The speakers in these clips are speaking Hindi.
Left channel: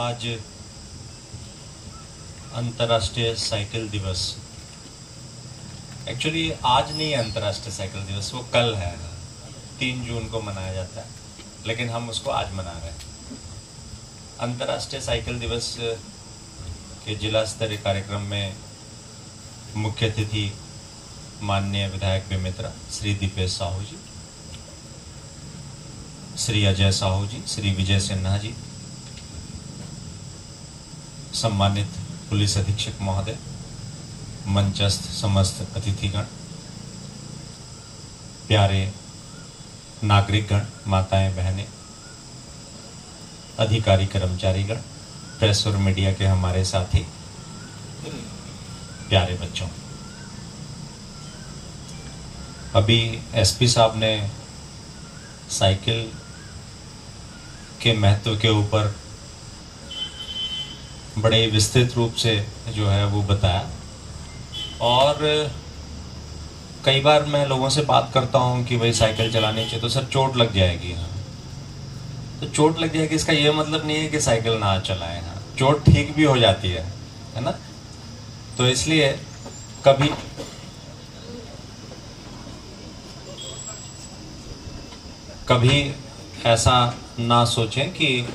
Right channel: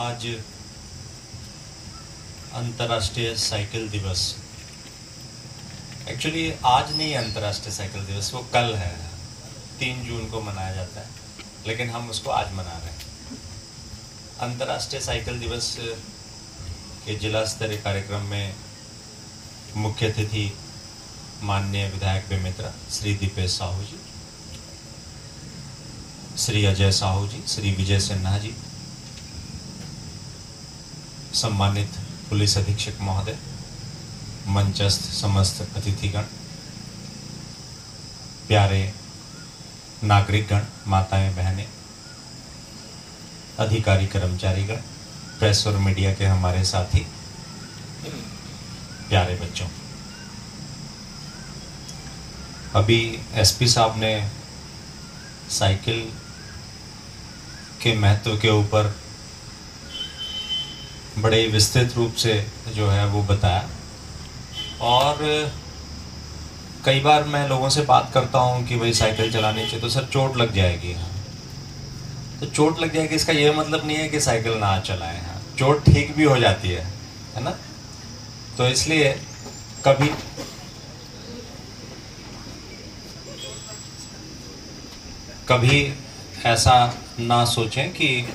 आज अंतर्राष्ट्रीय साइकिल दिवस। एक्चुअली आज नहीं है अंतर्राष्ट्रीय साइकिल दिवस, वो कल है। 3 जून को मनाया जाता है, लेकिन हम उसको आज मना रहे हैं। अंतर्राष्ट्रीय साइकिल दिवस के जिला स्तरीय कार्यक्रम में मुख्य अतिथि माननीय विधायक बेमेतरा श्री दीपेश साहू जी, श्री अजय साहू जी, श्री विजय सिन्हा जी, सम्मानित पुलिस अधीक्षक महोदय, मंचस्थ समस्त अतिथिगण, प्यारे नागरिकगण, माताएं बहनें, अधिकारी कर्मचारीगण, प्रेस और मीडिया के हमारे साथी, प्यारे बच्चों। अभी एसपी साहब ने साइकिल के महत्व के ऊपर बड़े विस्तृत रूप से जो है वो बताया। और कई बार मैं लोगों से बात करता हूँ कि भाई साइकिल चलानी चाहिए, तो सर चोट लग जाएगी। हाँ, तो चोट लग जाएगी इसका ये मतलब नहीं है कि साइकिल ना चलाएं। हाँ, चोट ठीक भी हो जाती है ना। तो इसलिए कभी ऐसा ना सोचें कि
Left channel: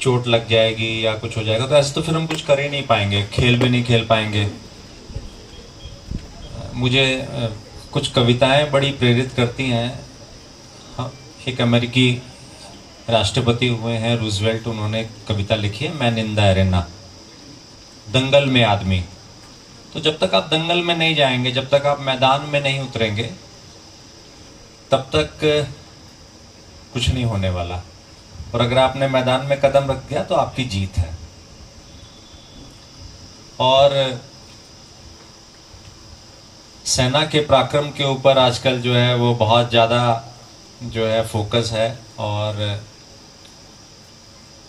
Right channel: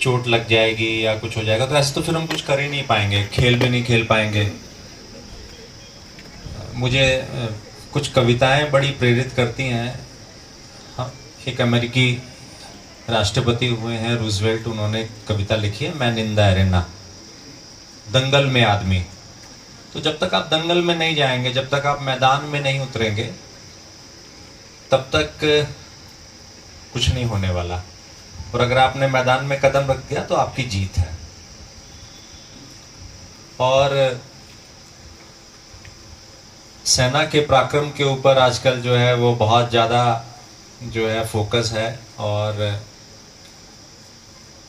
चोट लग जाएगी या कुछ हो जाएगा, तो ऐसे तो फिर हम कुछ कर ही नहीं पाएंगे, खेल भी नहीं खेल पाएंगे। मुझे कुछ कविताएं बड़ी प्रेरित करती हैं। हाँ, एक अमेरिकी राष्ट्रपति हुए हैं रूजवेल्ट, उन्होंने कविता लिखी है, मैं निंदा एरेना, दंगल में आदमी। तो जब तक आप दंगल में नहीं जाएंगे, जब तक आप मैदान में नहीं उतरेंगे, तब तक कुछ नहीं होने वाला। और अगर आपने मैदान में कदम रख दिया तो आपकी जीत है। और सेना के पराक्रम के ऊपर आजकल जो है वो बहुत ज़्यादा जो है फोकस है। और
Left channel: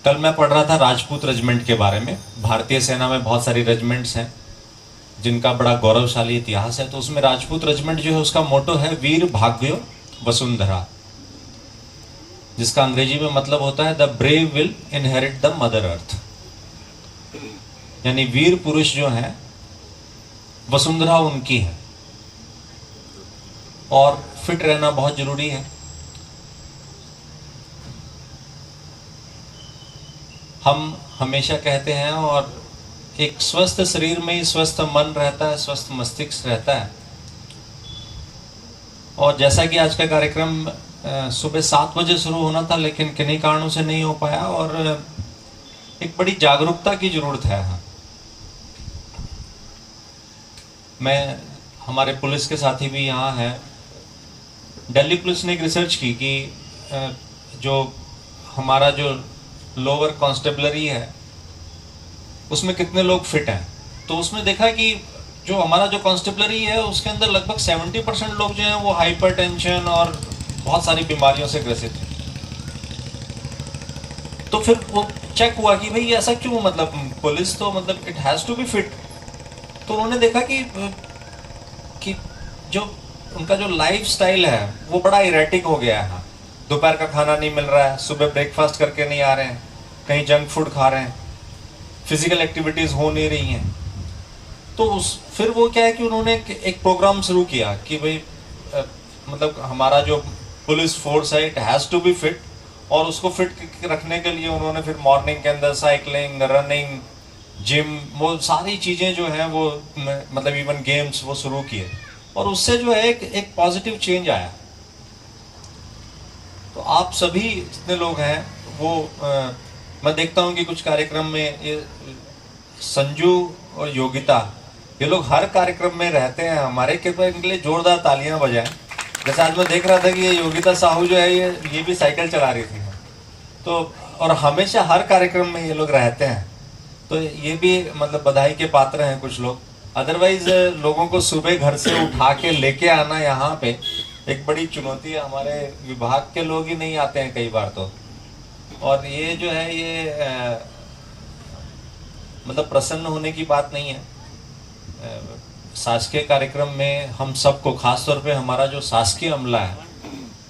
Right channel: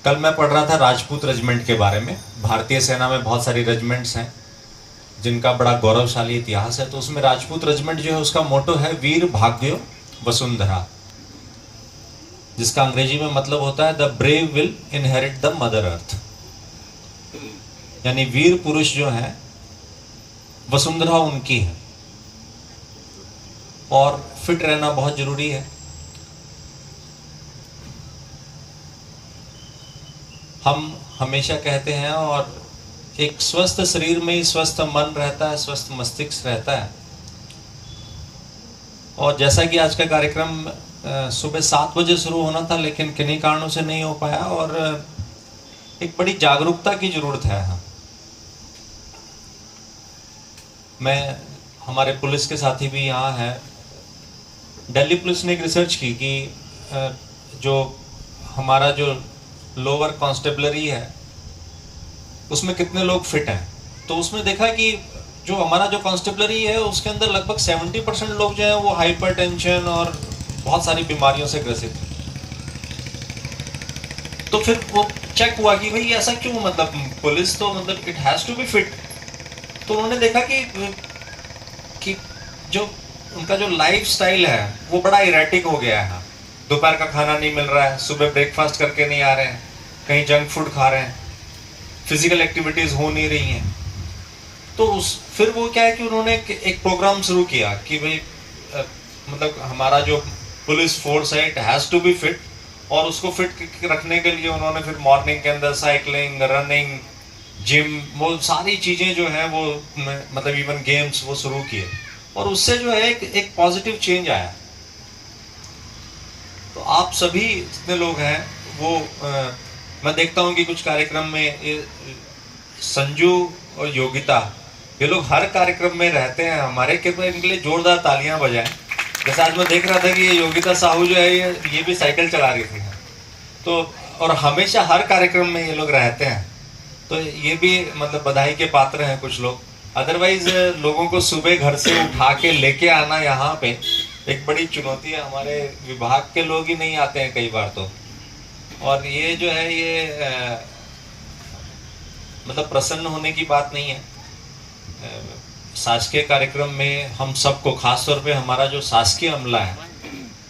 कल मैं पढ़ रहा था राजपूत रेजिमेंट के बारे में। भारतीय सेना में बहुत सारी रेजिमेंट्स हैं जिनका बड़ा गौरवशाली इतिहास है। तो उसमें राजपूत रेजिमेंट जो है उसका मोटो है वीर भाग्यो वसुंधरा, जिसका अंग्रेजी में मतलब होता है the brave will inherit the mother earth. यानी वीर पुरुष जो हैं वसुंधरा उनकी है। और फिट रहना बहुत जरूरी है। हम हमेशा कहते हैं, और एक स्वस्थ शरीर में ही स्वस्थ मन रहता है, स्वस्थ मस्तिष्क रहता है। और जैसा कि आज का कार्यक्रम सुबह 7 बजे शुरू होना था, लेकिन किन्हीं कारणों से नहीं हो पाया। और एक बड़ी जागरूकता की जरूरत है। हाँ, मैं, हमारे पुलिस के साथी भी यहाँ हैं। दिल्ली पुलिस ने एक रिसर्च की कि जो हमारा जो लोअर कांस्टेबलरी है उसमें कितने लोग फिट हैं। तो उसमें देखा कि जो हमारा जो कांस्टेबलरी है उसके अंदर लगभग 70% लोग जो हैं वो हाइपरटेंशन और बहुत सारी बीमारियों से ग्रसित हैं। तो फिर वो चेक हुआ कि भाई ऐसा क्यों, मतलब पुलिस तो मतलब it has to be fit. तो उन्होंने देखा कि जो उनका जो लाइफ स्टाइल है वो बड़ा इरेटिक हो गया है। दोपहर का खाना नहीं मिल रहा है, सुबह ब्रेकफास्ट करके नहीं आ रहे हैं, कहीं जंक फूड खा रहे हैं, फिजिकल एक्टिविटीज हो नहीं रही हैं। तो फिर वो क्या है कि उन्होंने एक प्रोग्राम शुरू किया कि भाई मतलब हमारा जो पुलिस फोर्स है it has to be fit. और उसको फिट रखने के लिए उन्होंने फिर मॉर्निंग के अंदर साइकिलिंग, रनिंग, जिम, वो सारी चीजें जो हैं वो मतलब इवन गेम्स वो शुरू किए। और उससे जो है एक पॉजिटिव चेंज आया। तो आप सभी जितने लोग हैं वो मैं देखता हूँ कि कुछ कार्यक्रम में ये संजू और योगिता, ये लोग हर कार्यक्रम में रहते हैं। हमारे कृपया इनके लिए जोरदार तालियां बजाएं। जैसे आज मैं देख रहा था कि ये योगिता साहू जो है ये भी साइकिल चला रही थी। तो और हमेशा हर कार्यक्रम में ये लोग रहते हैं। तो ये भी मतलब बधाई के पात्र हैं कुछ लोग। अदरवाइज लोगों को सुबह घर से उठा के लेके आना यहाँ पे एक बड़ी चुनौती है। हमारे विभाग के लोग ही नहीं आते हैं कई बार तो। और ये जो है ये मतलब प्रसन्न होने की बात नहीं है। शासकीय कार्यक्रम में हम सबको, खास तौर पे हमारा जो शासकीय अमला है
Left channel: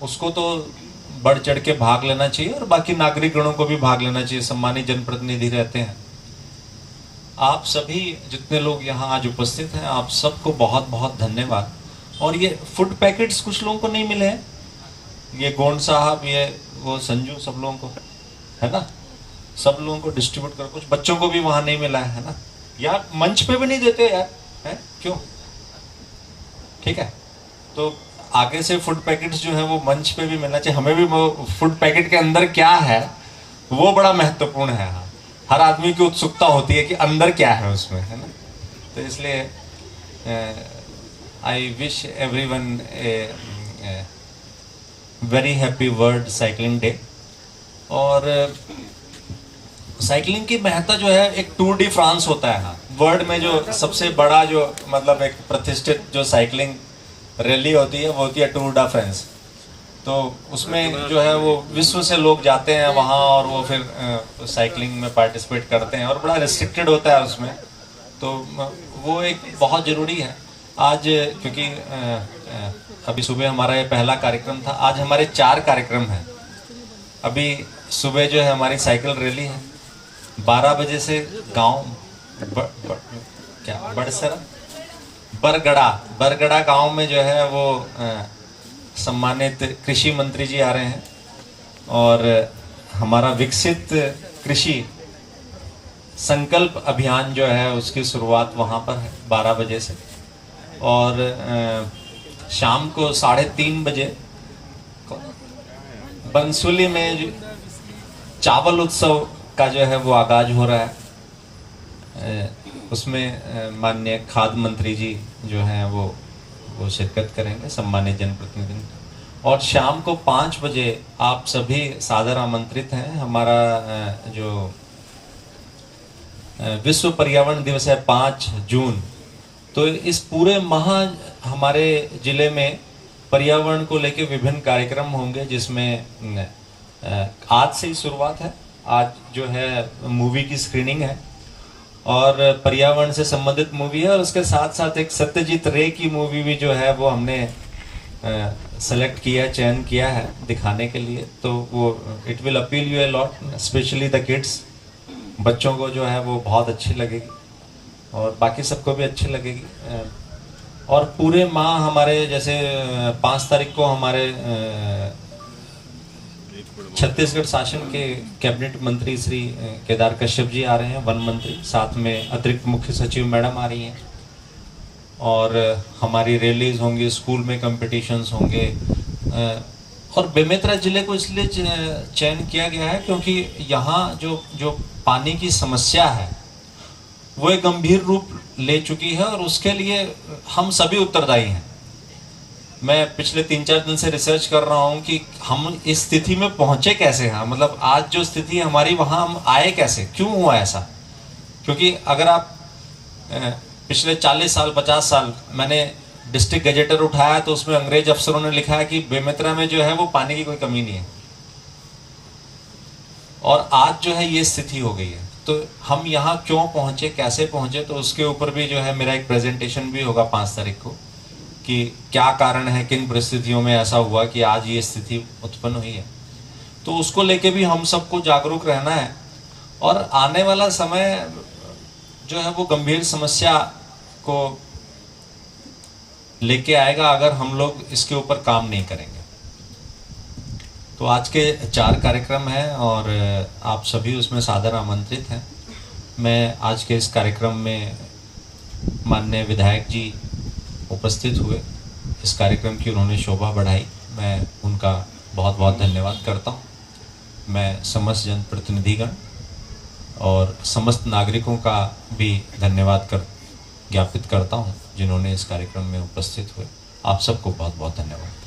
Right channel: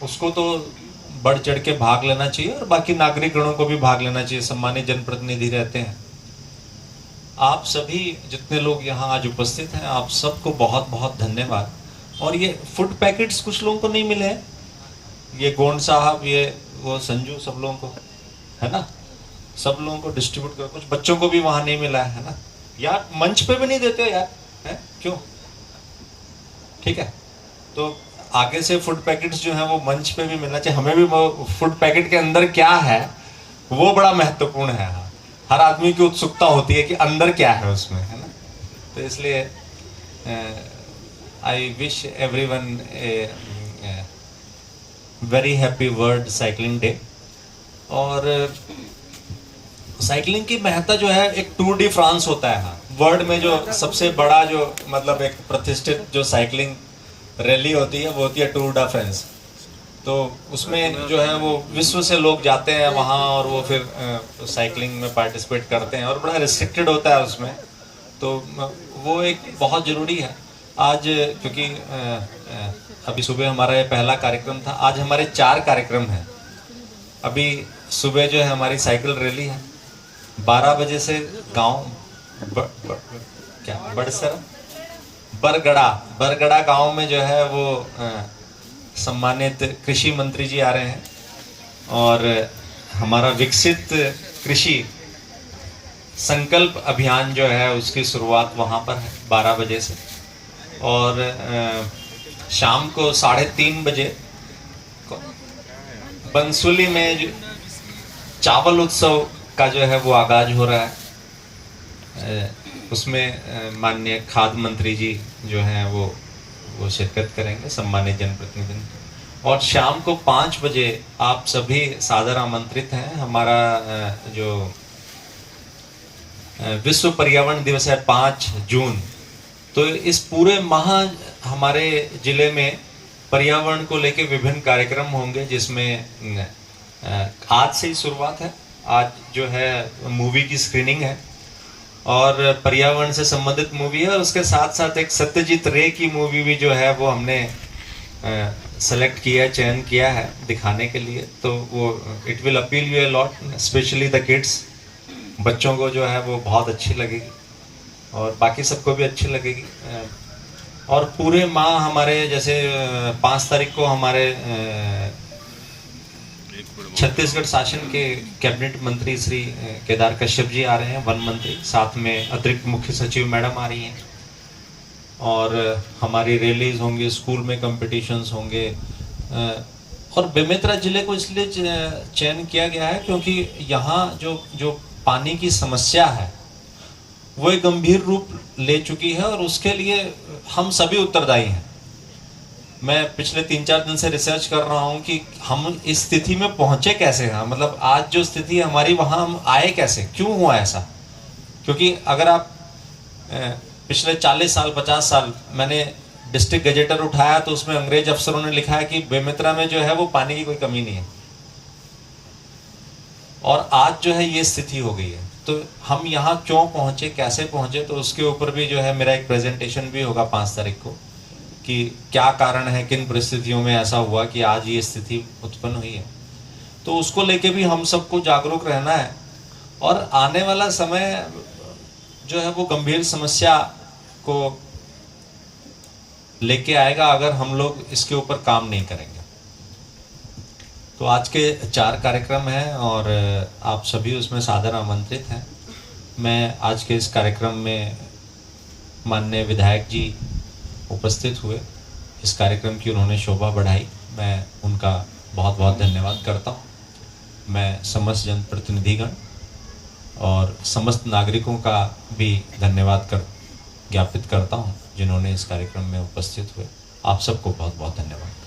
उसको तो बढ़ चढ़ के भाग लेना चाहिए और बाकी नागरिकगणों को भी भाग लेना चाहिए, सम्मानित जनप्रतिनिधि रहते हैं। आप सभी जितने लोग यहाँ आज उपस्थित हैं, आप सबको बहुत बहुत धन्यवाद। और ये फूड पैकेट्स कुछ लोगों को नहीं मिले हैं, ये गोंड साहब, ये वो संजू, सब लोगों को, है ना, सब लोगों को डिस्ट्रीब्यूट कर, कुछ बच्चों को भी वहां नहीं मिला है ना यार, मंच पे भी नहीं देते यार, है क्यों? ठीक है, तो आगे से फूड पैकेट्स जो है वो मंच पे भी मिलना चाहिए। हमें भी वो फूड पैकेट के अंदर क्या है वो बड़ा महत्वपूर्ण है। हर आदमी की उत्सुकता होती है कि अंदर क्या है उसमें, है ना। तो इसलिए I wish everyone a very happy world cycling day. और साइकिलिंग की महत्ता जो है, एक टूर डी फ्रांस होता है वर्ल्ड में, जो सबसे बड़ा जो मतलब एक प्रतिष्ठित जो साइकिलिंग रैली होती है वो होती है टूर डा फ्रांस। तो उसमें जो है वो विश्व से लोग जाते हैं वहाँ और वो फिर साइकिलिंग में पार्टिसिपेट करते हैं और बड़ा रिस्ट्रिक्टेड होता है उसमें, तो वो एक बहुत ज़रूरी है। आज क्योंकि अभी सुबह हमारा ये पहला कार्यक्रम था, आज हमारे 4 कार्यक्रम हैं। अभी सुबह जो है हमारी साइकिल रैली है, 12 बजे से गांव बड़सरा बरगड़ा गांव में जो है वो सम्मानित कृषि मंत्री जी आ रहे हैं और हमारा विकसित कृषि संकल्प अभियान जो है उसकी शुरुआत वहां पर है 12 बजे से। और शाम को 3:30 बजे बंसुली में चावल उत्सव का जो है वो आगाज हो रहा है। उसमें माननीय खाद्य मंत्री जी जो हैं वो शिरकत करेंगे, सम्मानित जनप्रतिनिधि। और शाम को 5 बजे आप सभी सादर आमंत्रित हैं। हमारा जो विश्व पर्यावरण दिवस है 5 जून, तो इस पूरे माह हमारे जिले में पर्यावरण को लेकर विभिन्न कार्यक्रम होंगे, जिसमें आज से ही शुरुआत है। आज जो है मूवी की स्क्रीनिंग है और पर्यावरण से संबंधित मूवी है, और उसके साथ साथ एक सत्यजीत रे की मूवी भी जो है वो हमने सेलेक्ट किया, चयन किया है दिखाने के लिए। तो वो it will appeal U a lot, specially the kids. बच्चों को जो है वो बहुत अच्छी लगेगी और बाकी सबको भी अच्छी लगेगी। और पूरे माह हमारे जैसे 5 तारीख को हमारे छत्तीसगढ़ शासन के कैबिनेट मंत्री श्री केदार कश्यप जी आ रहे हैं, वन मंत्री, साथ में अतिरिक्त मुख्य सचिव मैडम आ रही हैं। और हमारी रैलीज होंगी, स्कूल में कंपटीशंस होंगे। और बेमेतरा जिले को इसलिए चयन किया गया है क्योंकि यहाँ जो पानी की समस्या है वो एक गंभीर रूप ले चुकी है और उसके लिए हम सभी उत्तरदायी हैं। मैं पिछले 3-4 दिन से रिसर्च कर रहा हूं कि हम इस स्थिति में पहुंचे कैसे हैं, मतलब आज जो स्थिति है हमारी, वहां हम आए कैसे, क्यों हुआ ऐसा। क्योंकि अगर आप पिछले 40 साल 50 साल, मैंने डिस्ट्रिक्ट गजेटर उठाया तो उसमें अंग्रेज अफसरों ने लिखा है कि बेमेतरा में जो है वो पानी की कोई कमी नहीं है, और आज जो है ये स्थिति हो गई है। तो हम यहाँ क्यों पहुंचे, कैसे पहुंचे, तो उसके ऊपर भी जो है मेरा एक प्रेजेंटेशन भी होगा 5 तारीख को, कि क्या कारण है, किन परिस्थितियों में ऐसा हुआ कि आज ये स्थिति उत्पन्न हुई है। तो उसको लेके भी हम सबको जागरूक रहना है और आने वाला समय जो है वो गंभीर समस्या को लेके आएगा अगर हम लोग इसके ऊपर काम नहीं करेंगे। तो आज के 4 कार्यक्रम हैं और आप सभी उसमें सादर आमंत्रित हैं। मैं आज के इस कार्यक्रम में माननीय विधायक जी उपस्थित हुए, इस कार्यक्रम की उन्होंने शोभा बढ़ाई, मैं उनका बहुत बहुत धन्यवाद करता हूँ। मैं समस्त जनप्रतिनिधिगण और समस्त नागरिकों का भी धन्यवाद ज्ञापित करता हूँ जिन्होंने इस कार्यक्रम में उपस्थित हुए। आप सबको बहुत बहुत धन्यवाद।